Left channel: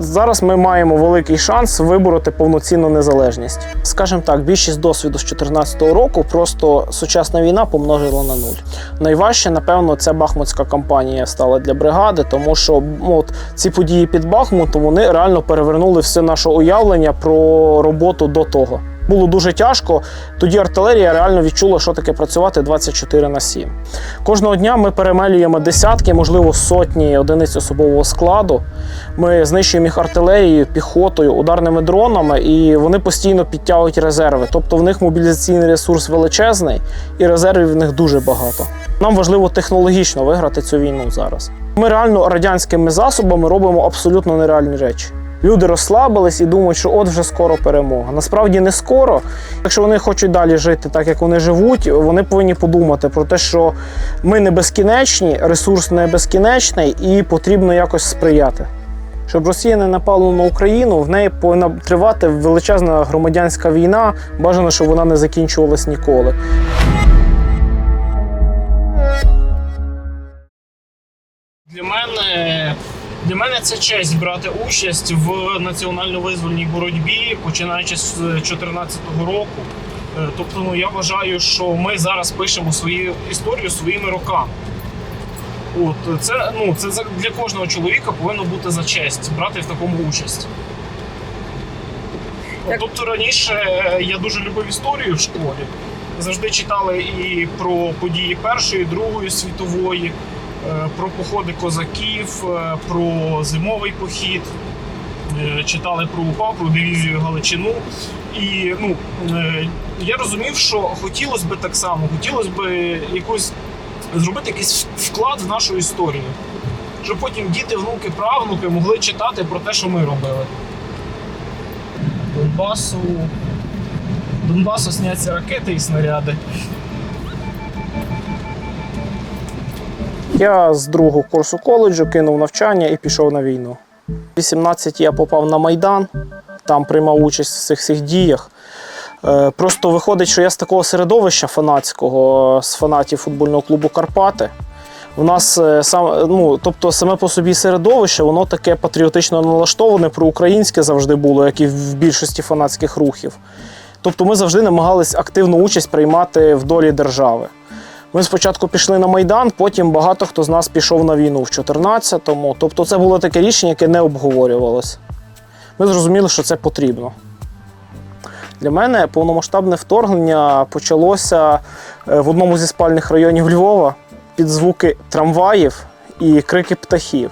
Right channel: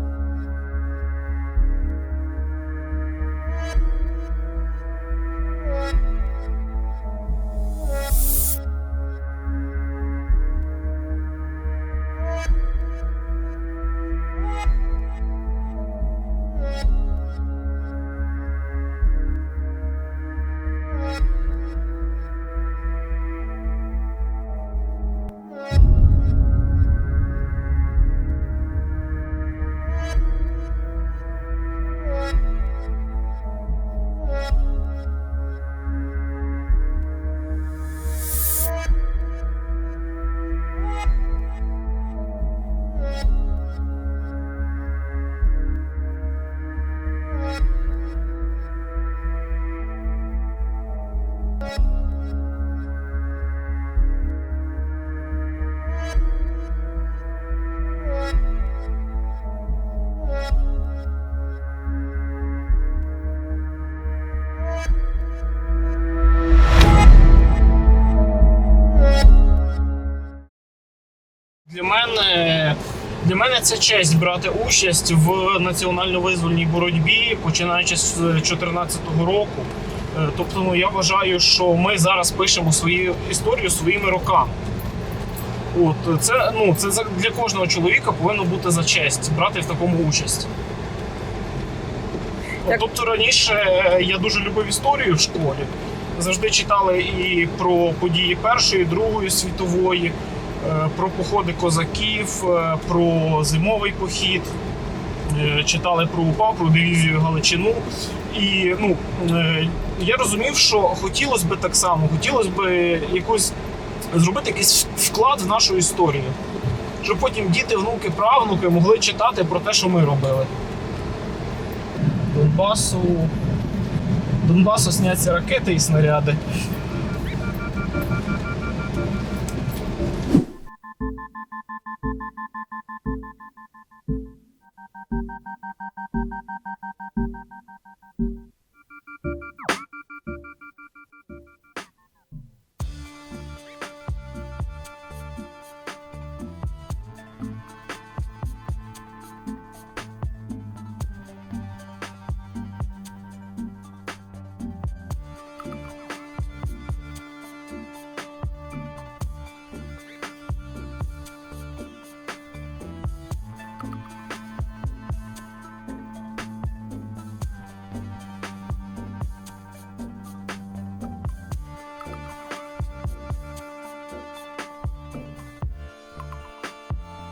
зараз ми маємо великий шанс вибороти повноцінну незалежність. Скажімо так, більшість досвіду з 2014 року просто сучасна війна помножила на нуль. Найважче, напевно, ця бахмутська кампанія стала для бригади, тому що ну, от, ці події під Бахмутом вони реально перевернули все наше уявлення про роботу до того. Було дуже тяжко. Тоді артилерія реально відчула, що таке працювати 24 на 7. Кожного дня ми перемелюємо десятки, можливо, сотні одиниць особового складу. Ми знищуємо їх артилерією, піхотою, ударними дронами, і вони постійно підтягують резерви. Тобто в них мобілізаційний ресурс величезний, і резервів в них дуже багато. Нам важливо технологічно виграти цю війну зараз. Ми реально радянськими засобами робимо абсолютно нереальні речі. Люди розслабились і думають, що от вже скоро перемога. Насправді не скоро. Якщо вони хочуть далі жити так, як вони живуть, вони повинні подумати про те, що ми не безкінечні, ресурс не безкінечний, і потрібно якось сприяти. Щоб Росія не напала на Україну, в неї повинна тривати величезна громадянська війна. Бажано, щоб вона не закінчувалась ніколи. Для мене, для мене це честь брати участь в національно-визвольній боротьбі, починаючи з 2014 року. Е, Тобто, ну я вважаю, що ми зараз пишемо свою історію своїми роками. От це ну це для кожного чоловіка повинно бути за честь брати в такому участь. От, Тобто раніше е, я дуже любив історію в школі. Завжди читали і про події Першої, Другої світової, е, про походи козаків, е, про зимовий похід. Е, Читали про УПА, про дивізію Галичину. І ну, е, я розумів, що хотілося б так само, хотілося б якось зробити якийсь вклад в нашу історію. Щоб потім діти, внуки, правнуки могли читати про те, що ми робили. Донбасу. Донбасу сняться ракети і снаряди. Я з другого курсу коледжу кинув навчання і пішов на війну. У 18 я попав на Майдан, там приймав участь в цих всіх діях. Е, Просто виходить, що я з такого середовища фанатського, з фанатів футбольного клубу Карпати. У нас е, сам, ну, тобто саме по собі середовище, воно таке патріотично налаштоване, проукраїнське завжди було, як і в більшості фанатських рухів. Тобто ми завжди намагались активну участь приймати в долі держави. Ми спочатку пішли на Майдан, потім багато хто з нас пішов на війну в 14-му. Тобто це було таке рішення, яке не обговорювалося. Ми зрозуміли, що це потрібно. Для мене повномасштабне вторгнення почалося е, в одному зі спальних районів Львова під звуки трамваїв і крики птахів.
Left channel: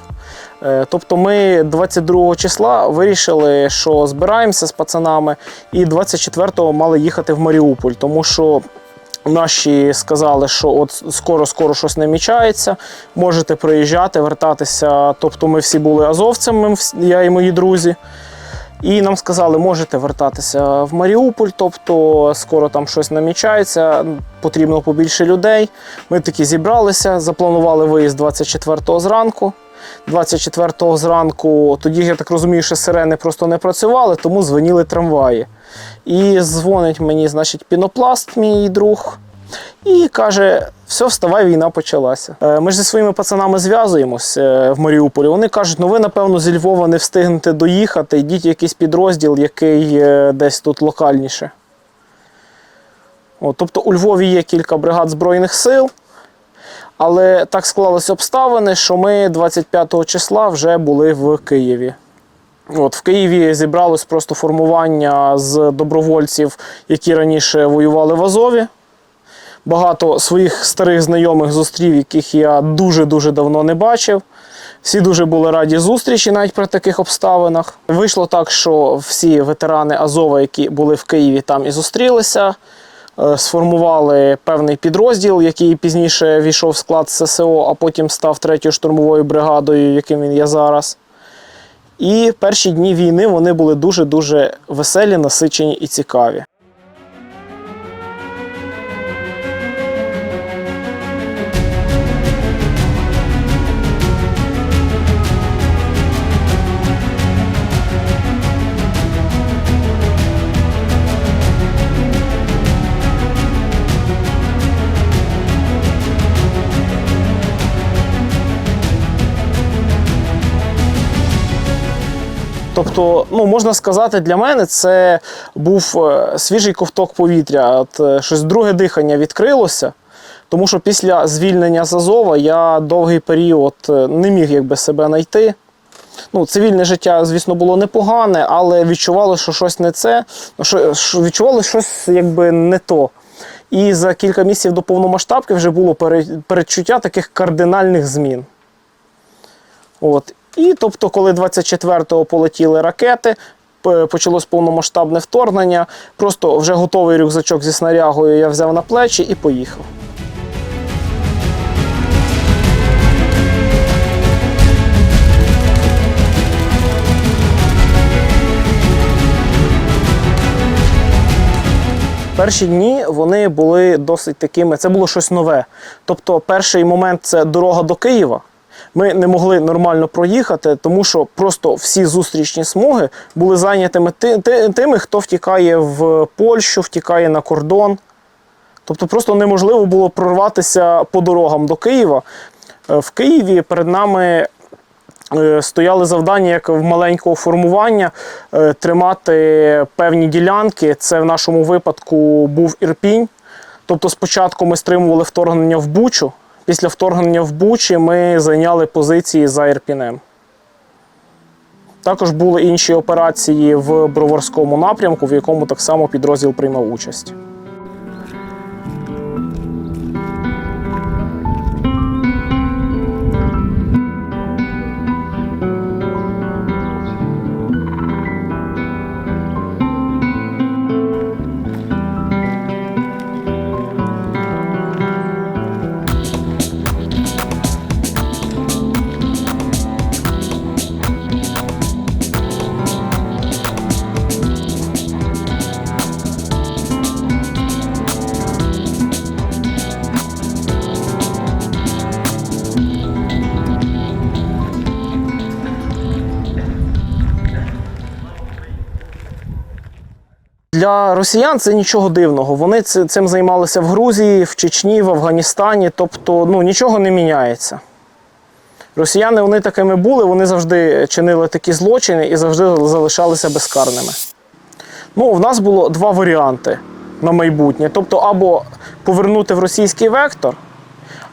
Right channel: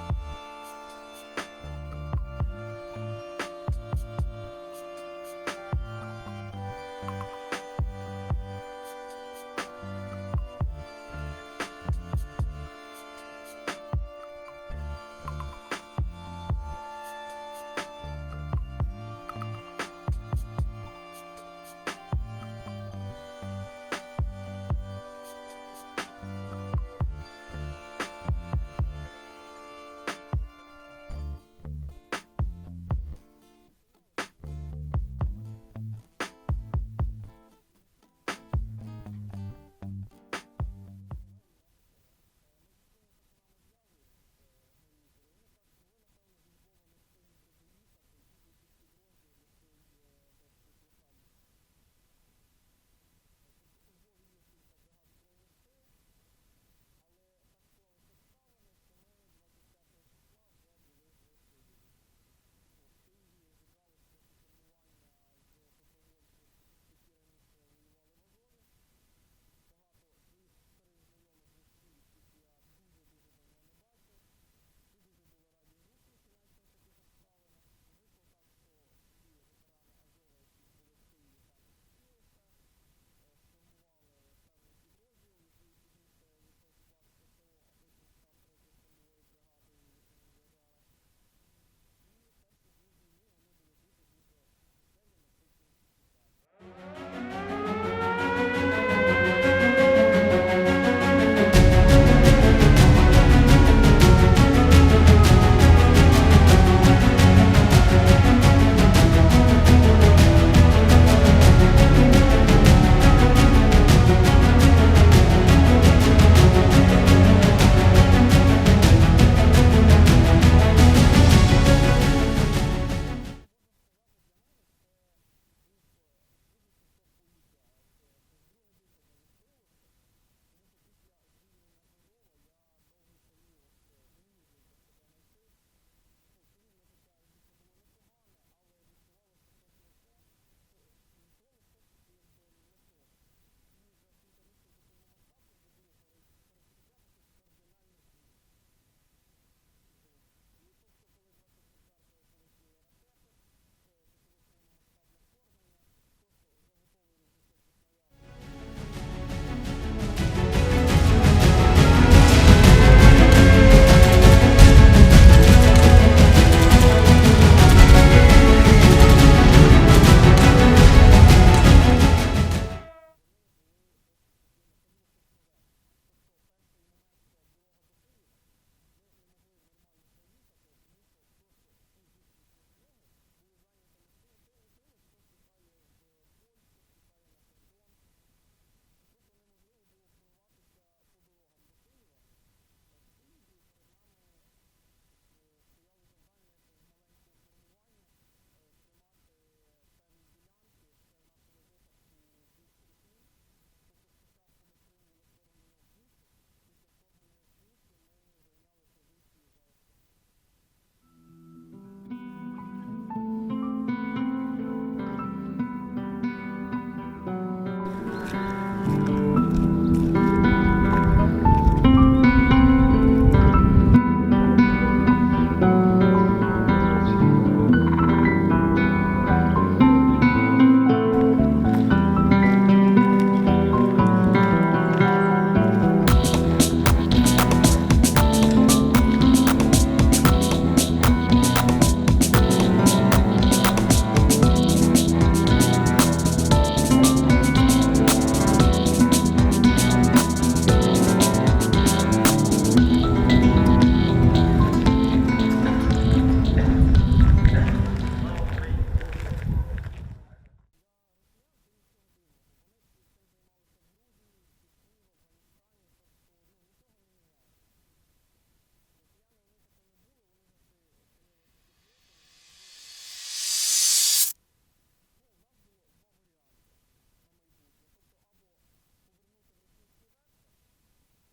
Е, Тобто ми 22 числа вирішили, що збираємося з пацанами, і 24-го мали їхати в Маріуполь, тому що наші сказали, що от скоро-скоро щось намічається, можете приїжджати, вертатися. Тобто ми всі були азовцями, я і мої друзі. І нам сказали, можете вертатися в Маріуполь, тобто скоро там щось намічається, потрібно побільше людей. Ми таки зібралися, запланували виїзд 24-го зранку. 24-го зранку, тоді, я так розумію, що сирени просто не працювали, тому дзвоніли трамваї. І дзвонить мені, значить, пінопласт, мій друг, і каже: все, вставай, війна почалася. Е, Ми ж зі своїми пацанами зв'язуємось е, в Маріуполі. Вони кажуть, ну ви, напевно, зі Львова не встигнете доїхати, йдіть в якийсь підрозділ, який е, десь тут локальніше. От, тобто у Львові є кілька бригад Збройних сил, але так склалися обставини, що ми 25 числа вже були в Києві. От, в Києві зібралось просто формування з добровольців, які раніше воювали в Азові. Багато своїх старих знайомих зустрів, яких я дуже-дуже давно не бачив. Всі дуже були раді зустрічі навіть при таких обставинах. Вийшло так, що всі ветерани Азова, які були в Києві, там і зустрілися, е, сформували певний підрозділ, який пізніше війшов в склад ССО, а потім став третьою штурмовою бригадою, яким він є зараз. І перші дні війни вони були дуже-дуже веселі, насичені і цікаві. Ну можна сказати, для мене це був е, свіжий ковток повітря. От, е, щось друге дихання відкрилося. Тому що після звільнення з Азова я довгий період е, не міг якби себе знайти. Ну, цивільне життя, звісно, було непогане, але відчувало, що щось не це, що, що відчувало щось якби не то. І за кілька місяців до повномасштабки вже було пере- передчуття таких кардинальних змін. От. І тобто, коли 24-го полетіли ракети, почалось повномасштабне вторгнення, просто вже готовий рюкзачок зі снарягою я взяв на плечі і поїхав. Перші дні вони були досить такими, це було щось нове. Тобто, перший момент це дорога до Києва. Ми не могли нормально проїхати, тому що просто всі зустрічні смуги були зайнятими ти- ти- тими, хто втікає в Польщу, втікає на кордон. Тобто просто неможливо було прорватися по дорогам до Києва. Е, В Києві перед нами е, стояли завдання як в маленького формування е, тримати певні ділянки. Це в нашому випадку був Ірпінь. Тобто спочатку ми стримували вторгнення в Бучу. Після вторгнення в Бучі ми зайняли позиції за Ірпінем. Також були інші операції в Броварському напрямку, в якому так само підрозділ приймав участь. Для росіян це нічого дивного. Вони цим займалися в Грузії, в Чечні, в Афганістані. Тобто ну, нічого не міняється. Росіяни вони такими були, вони завжди чинили такі злочини і завжди залишалися безкарними. Ну, в нас було два варіанти на майбутнє. Тобто, або повернути в російський вектор,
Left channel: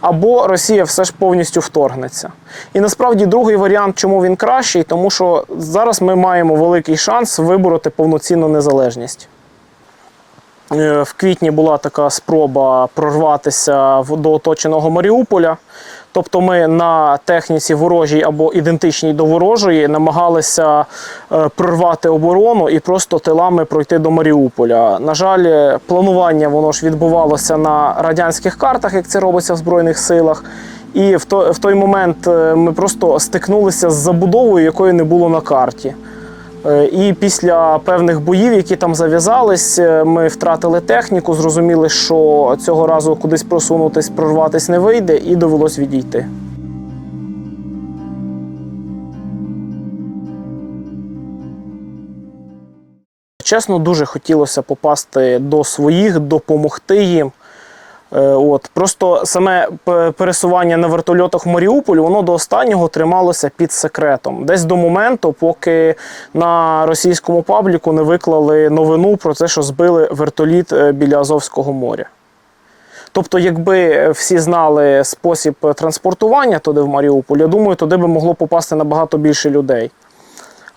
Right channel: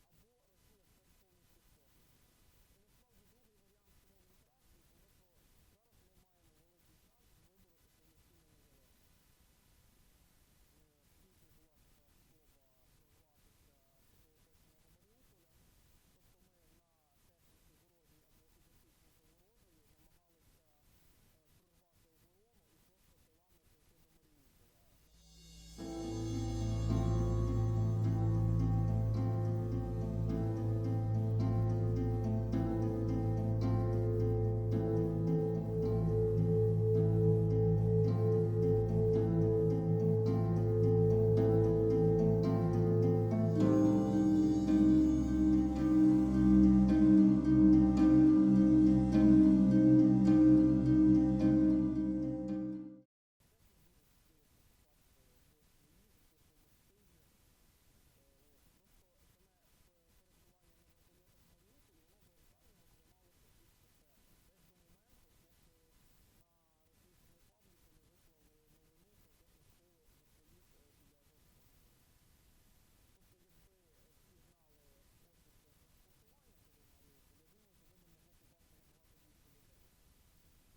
або Росія все ж повністю вторгнеться. І насправді другий варіант, чому він кращий, тому що зараз ми маємо великий шанс вибороти повноцінну незалежність. Е, В квітні була така спроба прорватися до оточеного Маріуполя. Тобто ми на техніці ворожій або ідентичній до ворожої намагалися е, прорвати оборону і просто тилами пройти до Маріуполя. На жаль, планування воно ж відбувалося на радянських картах, як це робиться в Збройних силах. І в той, момент е, ми просто стикнулися з забудовою, якої не було на карті. Е, І після певних боїв, які там зав'язались, е, ми втратили техніку, зрозуміли, що цього разу кудись просунутись, прорватись не вийде, і довелось відійти. Чесно, дуже хотілося попасти до своїх, допомогти їм. Е, От просто саме пересування на вертольотах в Маріуполь, воно до останнього трималося під секретом. Десь до моменту, поки на російському пабліку не виклали новину про те, що збили вертоліт е, біля Азовського моря. Тобто, якби всі знали спосіб транспортування туди в Маріуполь, я думаю, туди би могло попасти набагато більше людей.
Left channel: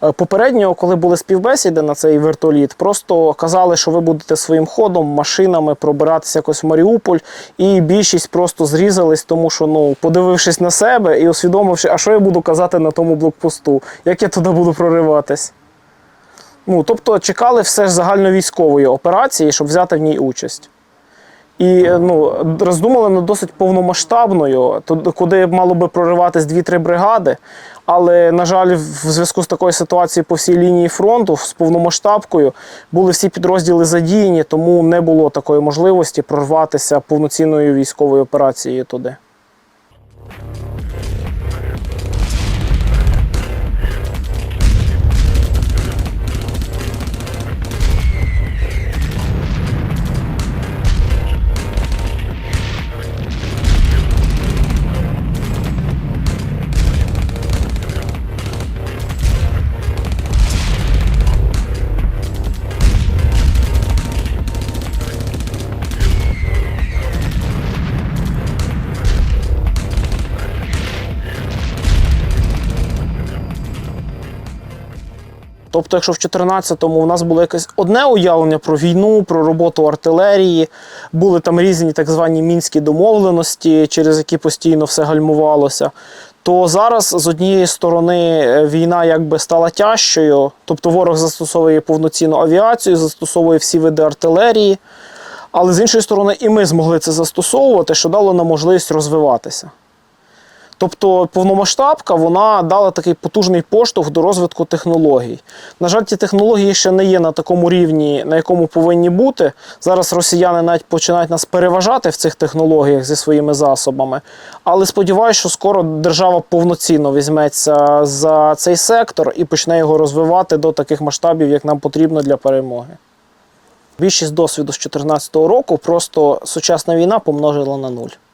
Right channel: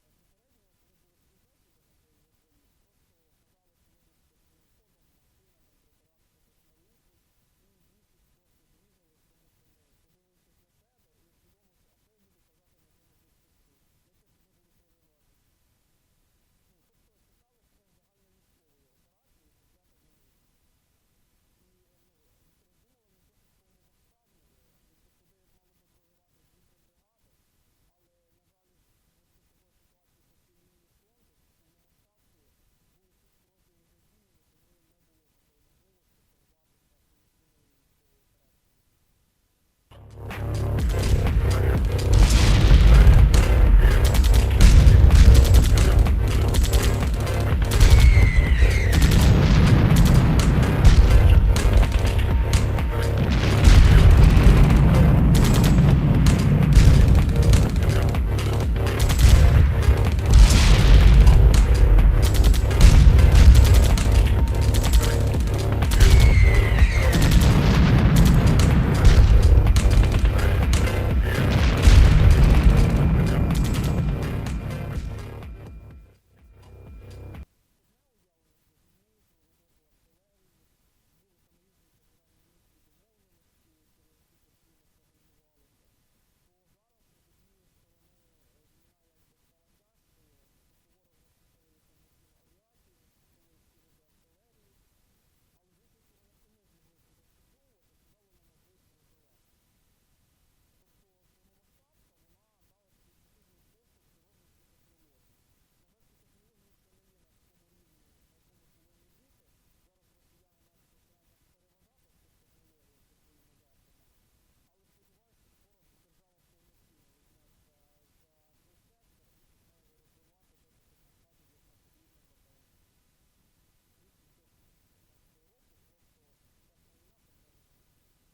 Е, Попередньо, коли були співбесіди на цей вертоліт, просто казали, що ви будете своїм ходом, машинами пробиратися якось в Маріуполь, і більшість просто зрізались, тому що, ну, подивившись на себе і усвідомивши, а що я буду казати на тому блокпосту, як я туди буду прориватись. Ну, тобто чекали все ж загальновійськової операції, щоб взяти в ній участь. І е, ну, роздумали над досить повномасштабною, куди мало би прориватись 2-3 бригади. Але, на жаль, в зв'язку з такою ситуацією по всій лінії фронту з повномасштабкою були всі підрозділи задіяні, тому не було такої можливості прорватися повноцінною військовою операцією туди. Тобто, якщо в 14-му у нас було якесь одне уявлення про війну, про роботу артилерії, були там різні так звані мінські домовленості, через які постійно все гальмувалося. То зараз з однієї сторони е, війна якби стала тяжчою, тобто ворог застосовує повноцінну авіацію, застосовує всі види артилерії. Але з іншої сторони, і ми змогли це застосовувати, що дало нам можливість розвиватися. Тобто повномасштабка вона дала такий потужний поштовх до розвитку технологій. На жаль, ті технології ще не є на такому рівні, на якому повинні бути. Зараз росіяни навіть починають нас переважати в цих технологіях зі своїми засобами. Але сподіваюся, що скоро держава повноцінно візьметься за цей сектор і почне його розвивати до таких масштабів, як нам потрібно для перемоги. Більшість досвіду з 2014 року просто сучасна війна помножила на нуль.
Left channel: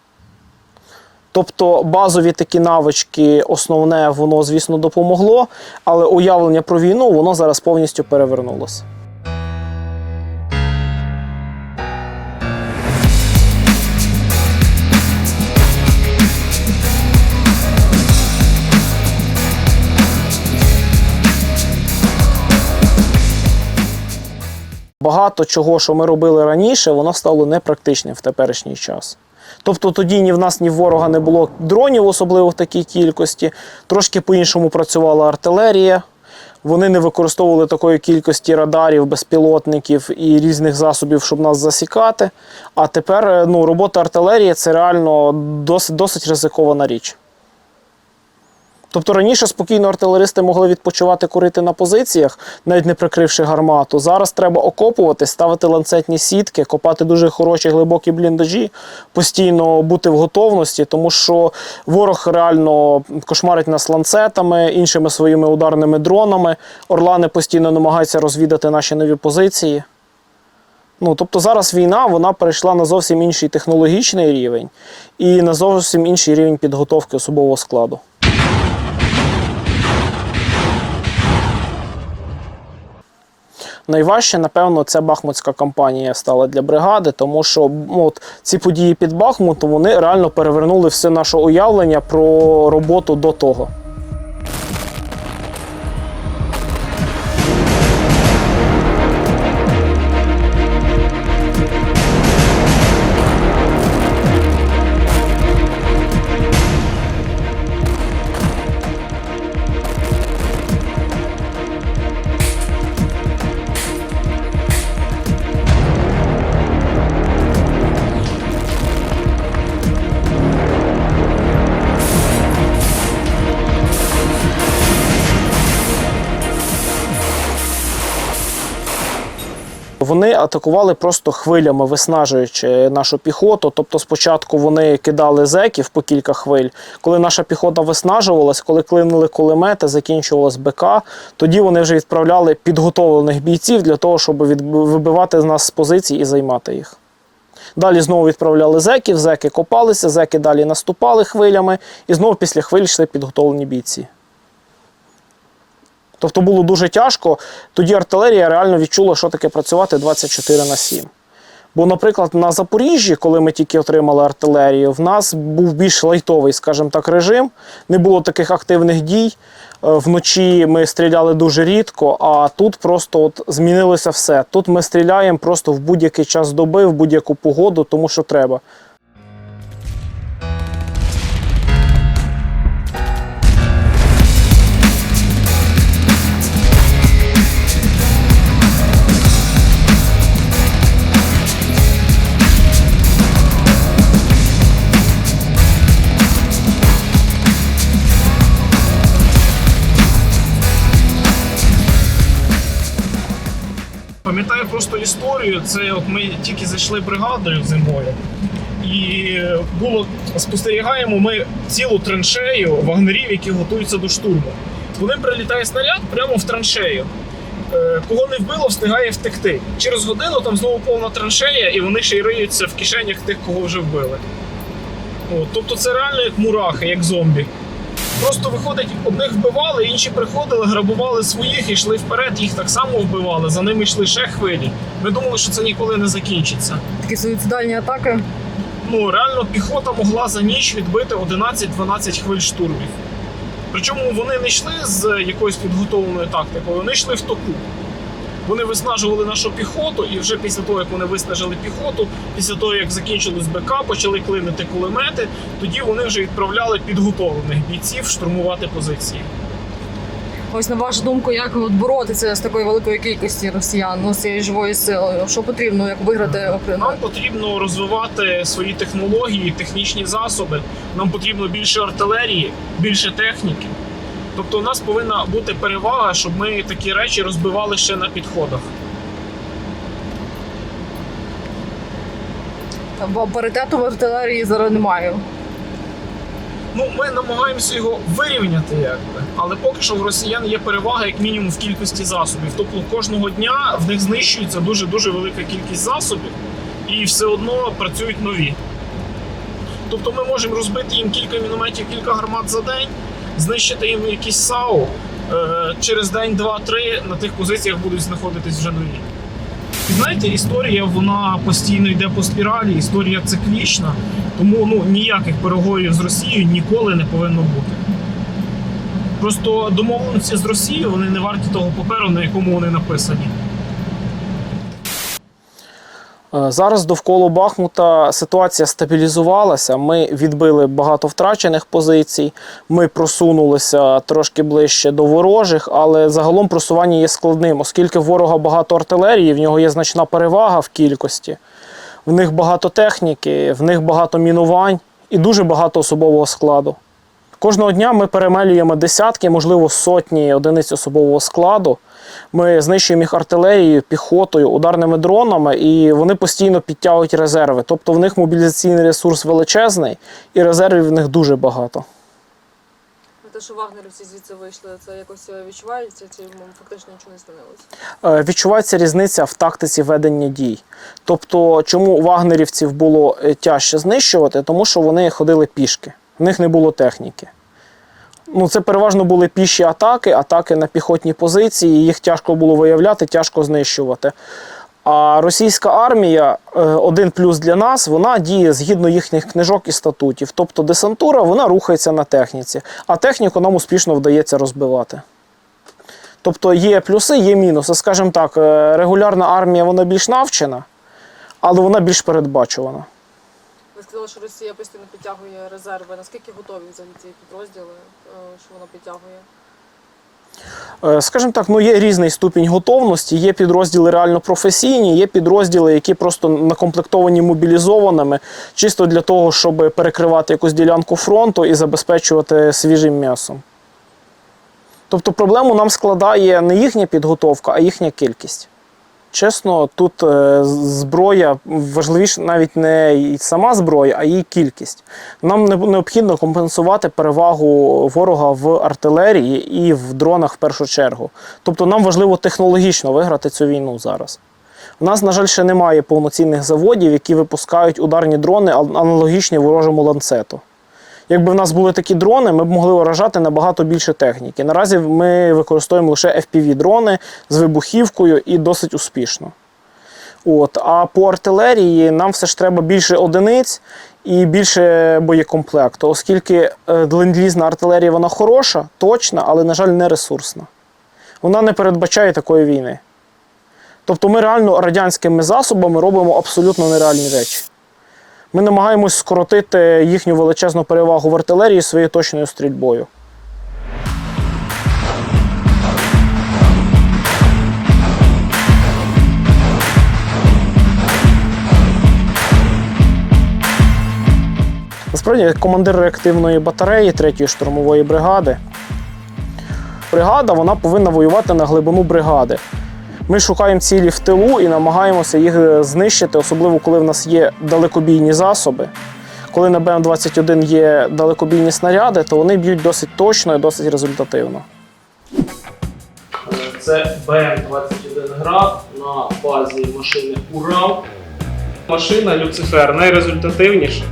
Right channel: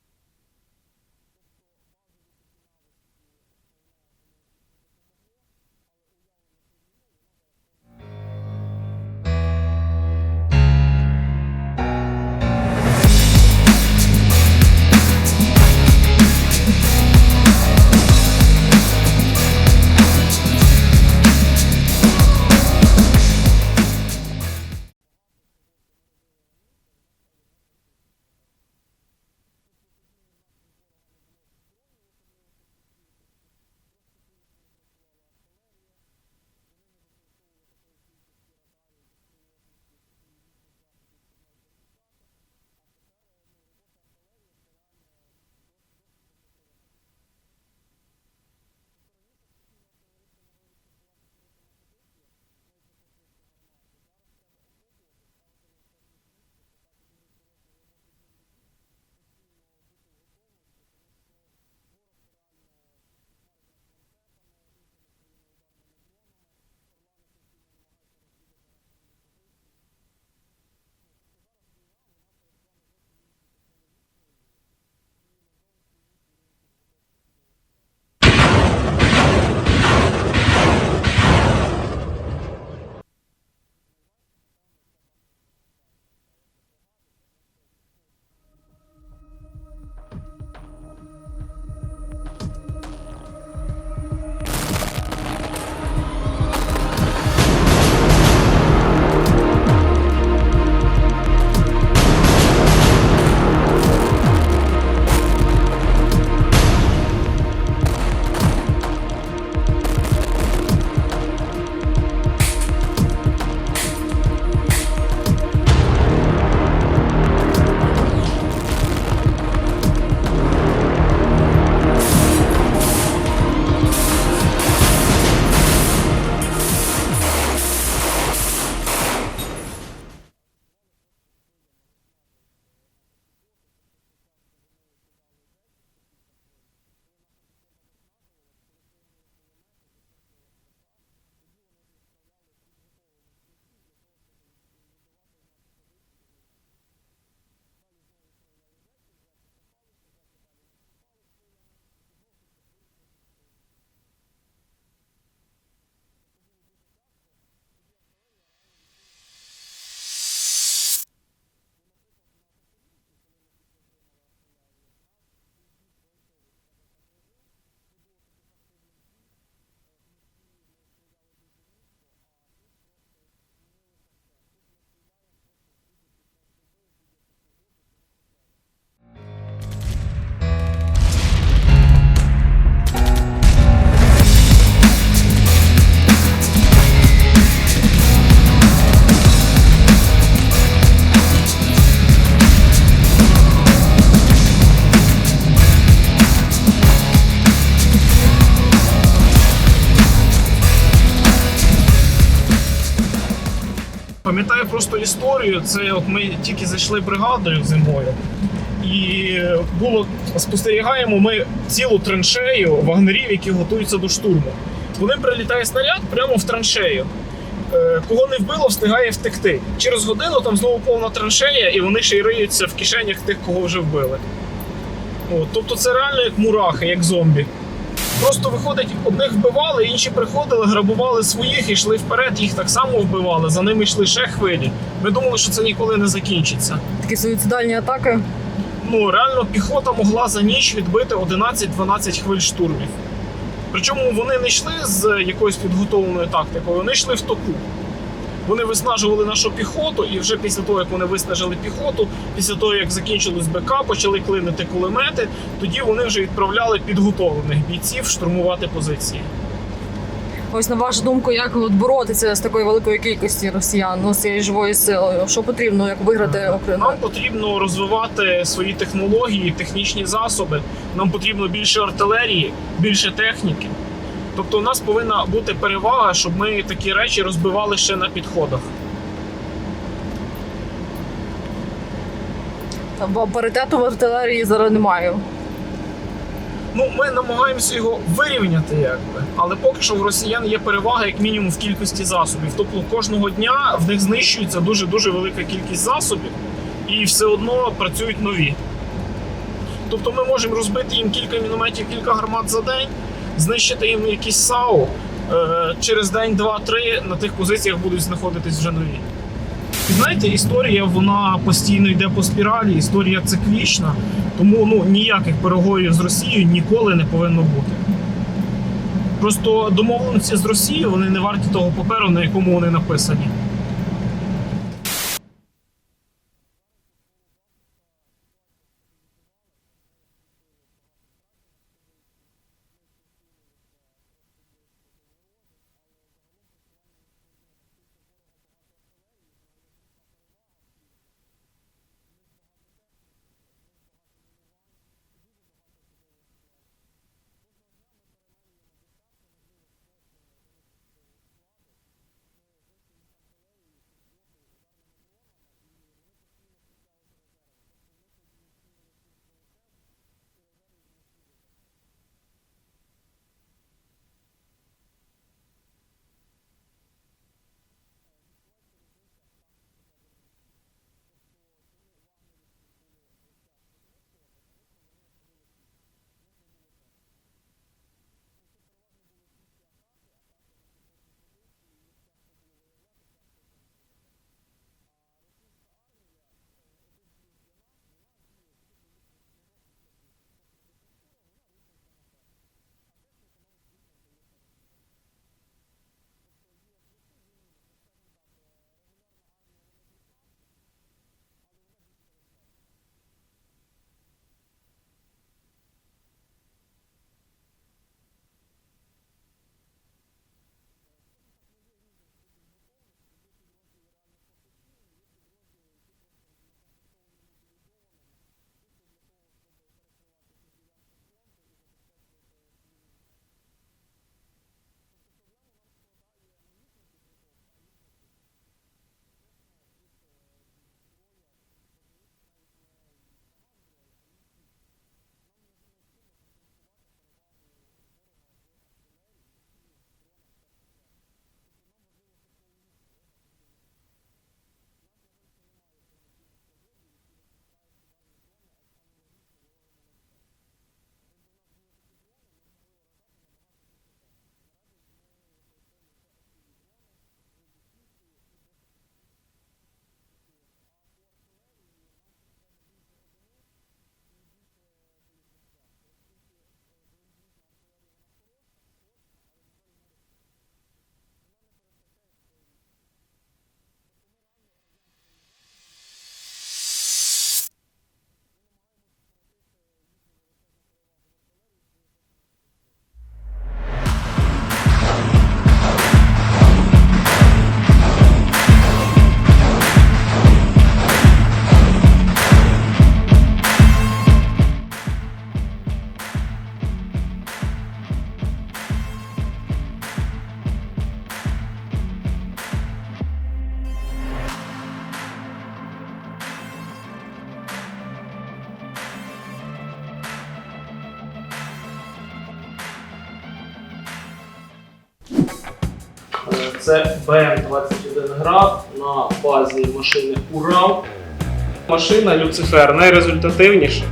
Тобто базові такі навички, основне, воно, звісно, допомогло, але уявлення про війну воно зараз повністю перевернулося. Багато чого, що ми робили раніше, воно стало непрактичним в теперішній час. Тобто тоді ні в нас, ні в ворога не було дронів, особливо в такій кількості. Трошки по-іншому працювала артилерія. Вони не використовували такої кількості радарів, безпілотників і різних засобів, щоб нас засікати. А тепер е, ну, робота артилерії це реально досить, досить ризикована річ. Тобто раніше спокійно артилеристи могли відпочивати курити на позиціях, навіть не прикривши гармату. Зараз треба окопувати, ставити ланцетні сітки, копати дуже хороші глибокі бліндажі, постійно бути в готовності, тому що ворог реально кошмарить нас ланцетами, іншими своїми ударними дронами. Орлани постійно намагаються розвідати наші нові позиції. Ну, тобто зараз війна вона перейшла на зовсім інший технологічний рівень і на зовсім інший рівень підготовки особового складу. Найважче, напевно, це Бахмутська кампанія стала для бригади, тому що ну, от, ці події під Бахмутом вони реально перевернули все наше уявлення про роботу до того. Атакували просто хвилями, виснажуючи нашу піхоту. Тобто, спочатку вони кидали зеків по кілька хвиль. Коли наша піхота виснажувалась, коли клинили кулемети, закінчувалась БК, тоді вони вже відправляли підготовлених бійців для того, щоб вибивати з нас з позицій і займати їх. Далі знову відправляли зеків, зеки копалися, зеки далі наступали хвилями, і знову після хвиль йшли підготовлені бійці. Тобто було дуже тяжко. Тоді артилерія реально відчула, що таке працювати 24 на 7. Бо, наприклад, на Запоріжжі, коли ми тільки отримали артилерію, в нас був більш лайтовий, скажімо так, режим. Не було таких активних дій. Е, Вночі ми стріляли дуже рідко, а тут просто от змінилося все. Тут ми стріляємо просто в будь-який час доби, в будь-яку погоду, тому що треба. Пам'ятаю просто історію. Це от ми тільки зайшли бригадою зимою, і було спостерігаємо ми цілу траншею вагнерів, які готуються до штурму. По ним прилітає снаряд прямо в траншею. Е, Кого не вбило, встигає втекти. Через годину там знову повна траншея, і вони ще й риються в кишенях тих, кого вже вбили. От, тобто це реально як мурахи, як зомбі. Просто виходить, одних вбивали, інші приходили, грабували своїх і йшли вперед, їх так само вбивали, за ними йшли ще хвилі. Ми думали, що це ніколи не закінчиться. Такі суїцидальні атаки. Ну реально піхота могла за ніч відбити 11-12 хвиль штурмів. Причому вони не йшли з якоюсь підготовленою тактикою, вони йшли в току. Вони виснажували нашу піхоту, і вже після того, як вони виснажили піхоту, після того, як закінчились БК, почали клинити кулемети, тоді вони вже відправляли підготовлених бійців штурмувати позиції. Ось на вашу думку, як от боротися з такою великою кількістю росіян, ну, з цією живою силою? Що потрібно, як виграти Україну? Нам потрібно розвивати свої технології, технічні засоби. Нам потрібно більше артилерії, більше техніки. Тобто, у нас повинна бути перевага, щоб ми такі речі розбивали ще на підходах. Бо паритету в артилерії зараз немає. Ну, ми намагаємося його вирівняти, якби. Але поки що в росіян є перевага, як мінімум, в кількості засобів. Тобто кожного дня в них знищується дуже дуже велика кількість засобів, і все одно працюють нові. Тобто ми можемо розбити їм кілька мінометів, кілька гармат за день, знищити їм якісь САУ. Е, через день, два-три на тих позиціях будуть знаходитись вже нові. І знаєте, історія вона постійно йде по спіралі, історія циклічна, тому ну ніяких переговорів з Росією ніколи не повинно бути. Просто домовленості з Росією вони не варті того паперу, на якому вони написані. Е, Зараз довкола Бахмута ситуація стабілізувалася. Ми відбили багато втрачених позицій. Ми просунулися трошки ближче до ворожих, але загалом просування є складним, оскільки ворога багато артилерії, в нього є значна перевага в кількості. В них багато техніки, в них багато мінувань і дуже багато особового складу. Кожного дня ми перемелюємо десятки, можливо, сотні одиниць особового складу. Ми знищуємо їх артилерією, піхотою, ударними дронами, і вони постійно підтягують резерви. Тобто в них мобілізаційний ресурс величезний, і резервів в них дуже багато. Те, що вагнерівці звідси вийшли, це якось відчувається, чи фактично нічого не змінилося? Е, Відчувається різниця в тактиці ведення дій. Тобто, чому вагнерівців було е, тяжче знищувати? Тому що вони ходили пішки, в них не було техніки. Ну, це переважно були піші атаки, атаки на піхотні позиції. Їх тяжко було виявляти, тяжко знищувати. А російська армія, е, один плюс для нас, вона діє згідно їхніх книжок і статутів. Тобто десантура вона рухається на техніці, а техніку нам успішно вдається розбивати. Тобто є плюси, є мінуси. Скажімо так, е, регулярна армія вона більш навчена, але вона більш передбачувана. Сказали, що Росія постійно підтягує резерви. Наскільки готові взагалі ці підрозділи, е, що вона підтягує? Е, Скажімо так, ну є різний ступінь готовності. Є підрозділи реально професійні, є підрозділи, які просто накомплектовані мобілізованими, чисто для того, щоб перекривати якусь ділянку фронту і забезпечувати свіжим м'ясом. Тобто проблему нам складає не їхня підготовка, а їхня кількість. Чесно, тут е, зброя важливіше навіть не сама зброя, а її кількість. Нам необхідно компенсувати перевагу ворога в артилерії і в дронах в першу чергу. Тобто нам важливо технологічно виграти цю війну зараз. У нас, на жаль, ще немає повноцінних заводів, які випускають ударні дрони аналогічні ворожому ланцету. Якби в нас були такі дрони, ми б могли вражати набагато більше техніки. Наразі ми використовуємо лише FPV-дрони з вибухівкою і досить успішно. От. А по артилерії нам все ж треба більше одиниць і більше боєкомплекту, оскільки е, ленд-лізна артилерія вона хороша, точна, але, на жаль, не ресурсна. Вона не передбачає такої війни. Тобто ми реально радянськими засобами робимо абсолютно нереальні речі. Ми намагаємось скоротити їхню величезну перевагу в артилерії своєю точною стрільбою. Насправді, командир реактивної батареї 3-ї штурмової бригади, бригада вона повинна воювати на глибину бригади. Ми шукаємо цілі в тилу і намагаємося їх е, знищити, особливо коли в нас є далекобійні засоби. Коли на БМ-21 є далекобійні снаряди, то вони б'ють досить точно і досить результативно. Це БМ-21 град на базі машини Урал. Машина Люцифер найрезультативніша.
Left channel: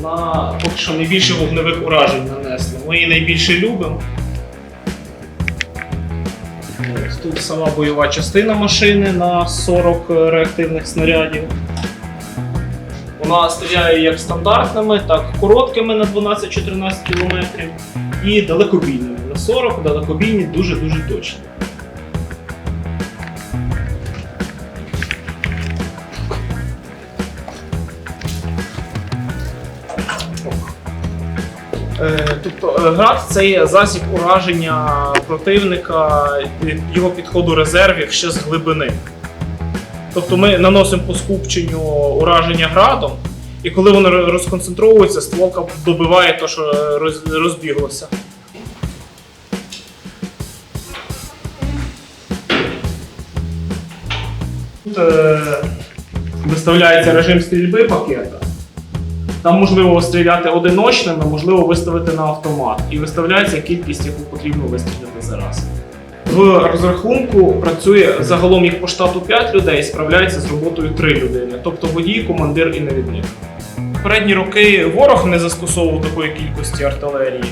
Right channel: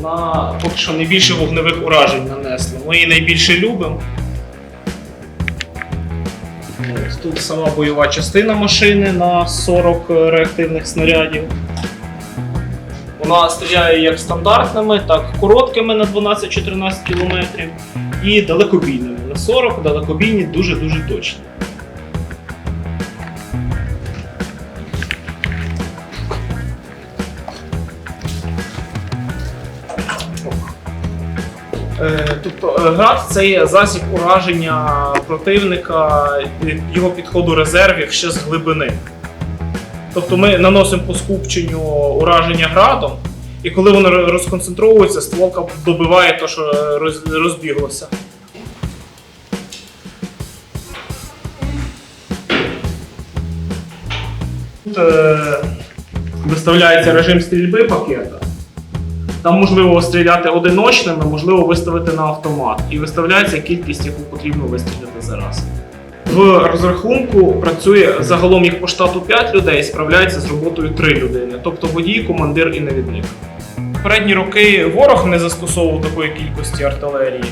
Вона поки що найбільше вогневих уражень нанесла. Ми її найбільше любимо. Тут сама бойова частина машини на 40 реактивних снарядів. Вона стріляє як стандартними, так і короткими на 12-14 км і далекобійними. На 40 далекобійні дуже-дуже точні. Град це є засіб ураження противника, його підходу резервів ще з глибини. Тобто ми наносимо по скупченню ураження градом, і коли воно ро- розконцентровується, стволка добиває те, що е, розбіглося. Тут е, виставляється режим стрільби пакета. Там можливо стріляти одиночними, можливо виставити на автомат. І виставляється кількість, яку потрібно вистріляти за раз. В розрахунку працює загалом їх по штату 5 людей, справляється з роботою 3 людини, тобто водій, командир і навідник. Передні роки ворог не застосовував такої кількості артилерії.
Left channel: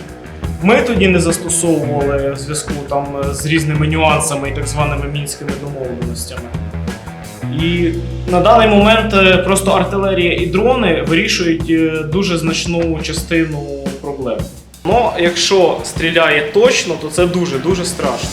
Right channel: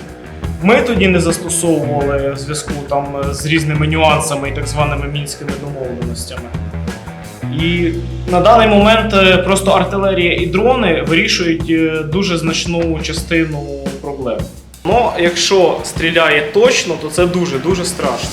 Ми тоді не застосовували в зв'язку там з різними нюансами і так званими мінськими домовленостями. І на даний момент е, просто артилерія і дрони вирішують е, дуже значну частину проблем. Ну, якщо стріляє точно, то це дуже дуже страшно.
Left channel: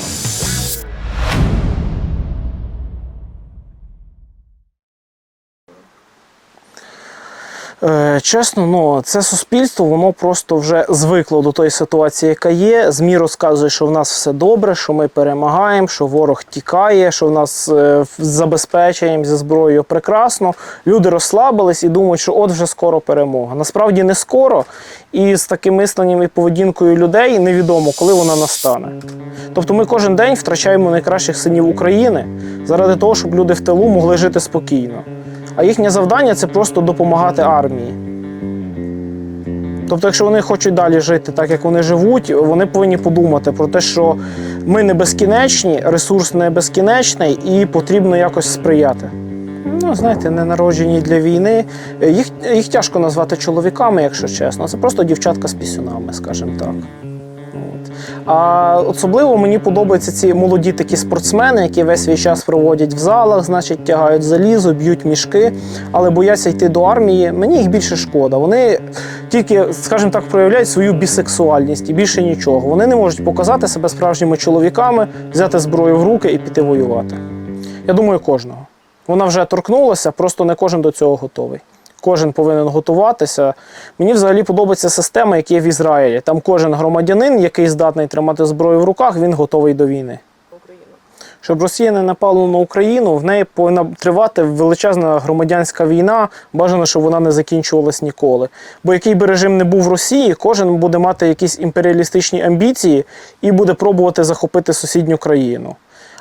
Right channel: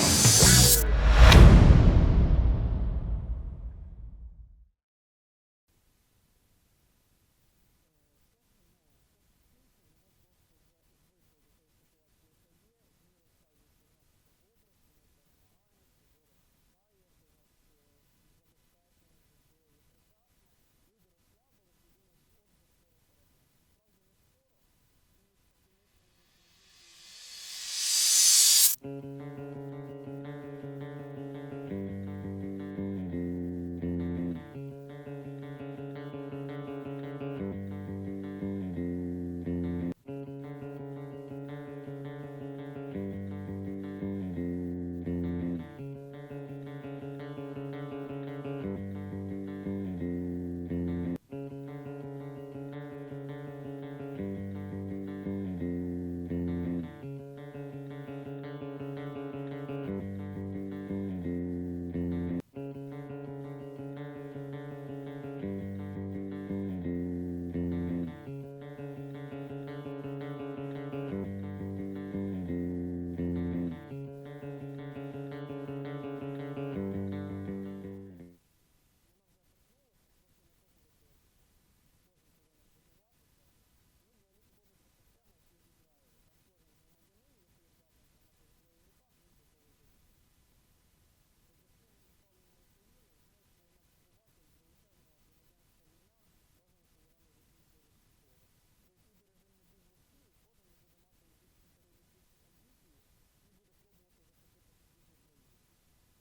Чесно, ну це суспільство, воно просто вже звикло до тої ситуації, яка є. ЗМІ розказує, що в нас все добре, що ми перемагаємо, що ворог тікає, що в нас е, з зі зброєю прекрасно. Люди розслабились і думають, що от вже скоро перемога. Насправді не скоро, і з таким мисленням і поведінкою людей невідомо, коли вона настане. Тобто ми кожен день втрачаємо найкращих синів України заради того, щоб люди в тилу могли жити спокійно. А їхнє завдання це просто допомагати армії. Тобто, якщо вони хочуть далі жити так, як вони живуть, вони повинні подумати про те, що ми не безкінечні, ресурс не безкінечний і потрібно якось сприяти. Ну, знаєте, не народжені для війни. Їх, їх тяжко назвати чоловіками, якщо чесно. Це просто дівчатка з пісюнами, скажімо так. А особливо мені подобаються ці молоді такі спортсмени, які весь свій час проводять в залах, значить, тягають залізо, б'ють мішки, але бояться йти до армії. Мені їх більше шкода. Вони тільки, скажімо так, проявляють свою бісексуальність і більше нічого. Вони не можуть показати себе справжніми чоловіками, взяти зброю в руки і піти воювати. Я думаю, кожного. Вона вже торкнулася, просто не кожен до цього готовий. Кожен повинен готуватися. Мені взагалі подобається система, яка є в Ізраїлі. Там кожен громадянин, який здатний тримати зброю в руках, він готовий до війни. Щоб Росія не напала на Україну, в неї повинна тривати величезна громадянська війна. Бажано, щоб вона не закінчувалась ніколи. Бо який би режим не був в Росії, кожен буде мати якісь імперіалістичні амбіції і буде пробувати захопити сусідню країну.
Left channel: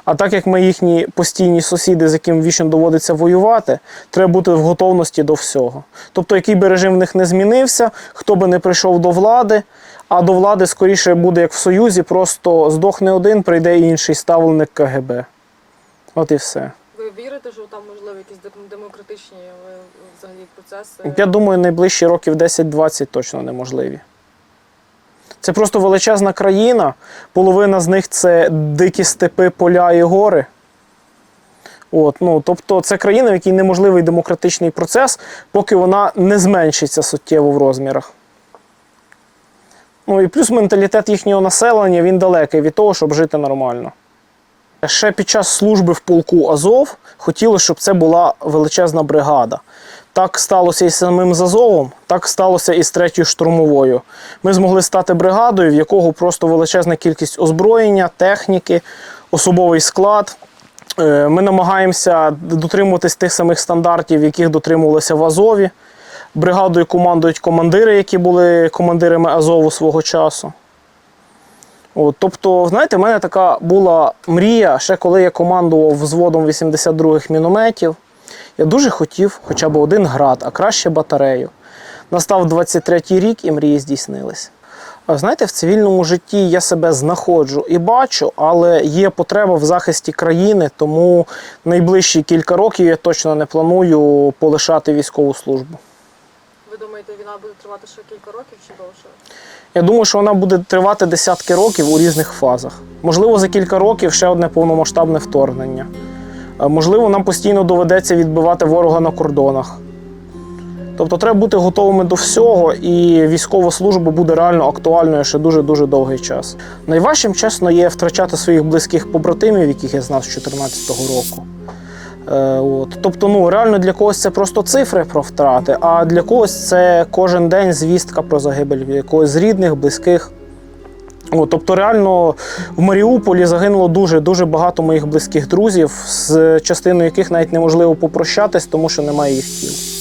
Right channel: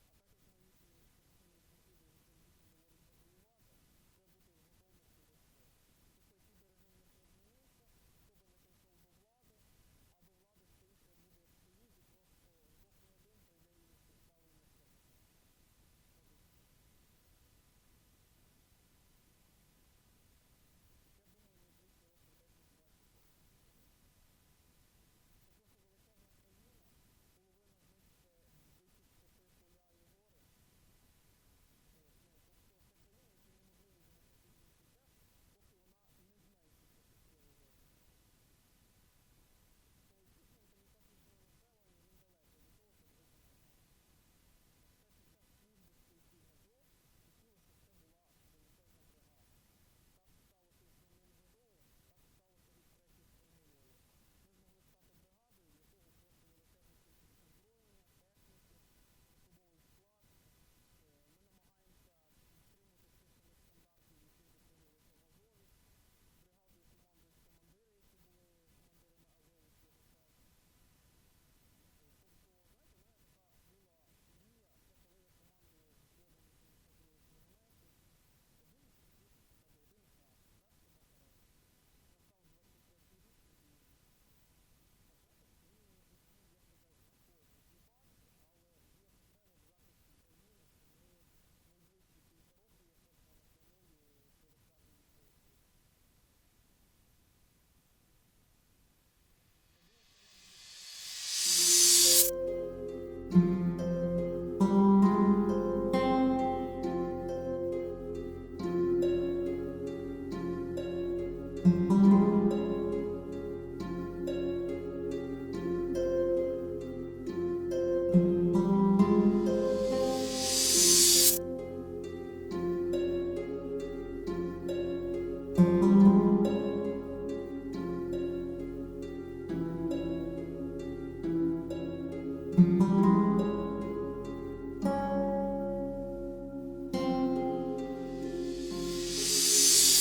А так як ми їхні постійні сусіди, з яким вічно доводиться воювати, треба бути в готовності до всього. Тобто, який би режим в них не змінився, хто би не прийшов до влади, а до влади скоріше буде як в Союзі, просто здохне один, прийде інший ставленик КГБ. От і все. Ви вірите, що там можливо якісь демократичні е, взагалі процеси? Я думаю, найближчі років 10-20 точно неможливі. Це просто величезна країна. Половина з них це дикі степи, поля і гори. От, ну, тобто це країна, в якій неможливий демократичний процес, поки вона не зменшиться суттєво в розмірах. Ну і плюс менталітет їхнього населення він далекий від того, щоб жити нормально. Ще під час служби в полку Азов хотілося, щоб це була величезна бригада. Так сталося і з самим з Азовом, так сталося і з третьою штурмовою. Ми змогли стати бригадою, в якого просто величезна кількість озброєння, техніки, особовий склад. Е, Ми намагаємося дотримуватись тих самих стандартів, яких дотримувалися в Азові. Бригадою командують командири, які були командирами Азову свого часу. От, тобто, знаєте, в мене така була мрія, ще коли я командував взводом 82-х мінометів. Я дуже хотів хоча б один град, а краще батарею. Настав 23-й рік і мрії здійснились. Знаєте, в цивільному житті я себе знаходжу і бачу, але є потреба в захисті країни, тому найближчі кілька років я точно не планую полишати військову службу. Ви думаєте, війна буде тривати ще кілька років чи довше? Я думаю, що вона буде тривати десятки років у різних фазах. Можливо, за кілька років ще одне повномасштабне вторгнення. Можливо, нам постійно доведеться відбивати ворога на кордонах. Тобто треба бути готовими до всього, і військова служба буде реально актуальною ще дуже дуже довгий час. Найважчим, чесно, є втрачати своїх близьких побратимів, яких я знав з 2014 року. Е, от. Тобто, ну реально для когось це просто цифри про втрати, а для когось це кожен день звістка про загибель якогось з рідних, близьких. От, тобто, реально в Маріуполі загинуло дуже дуже багато моїх близьких друзів, з частиною яких навіть неможливо попрощатись, тому що немає їх тіл.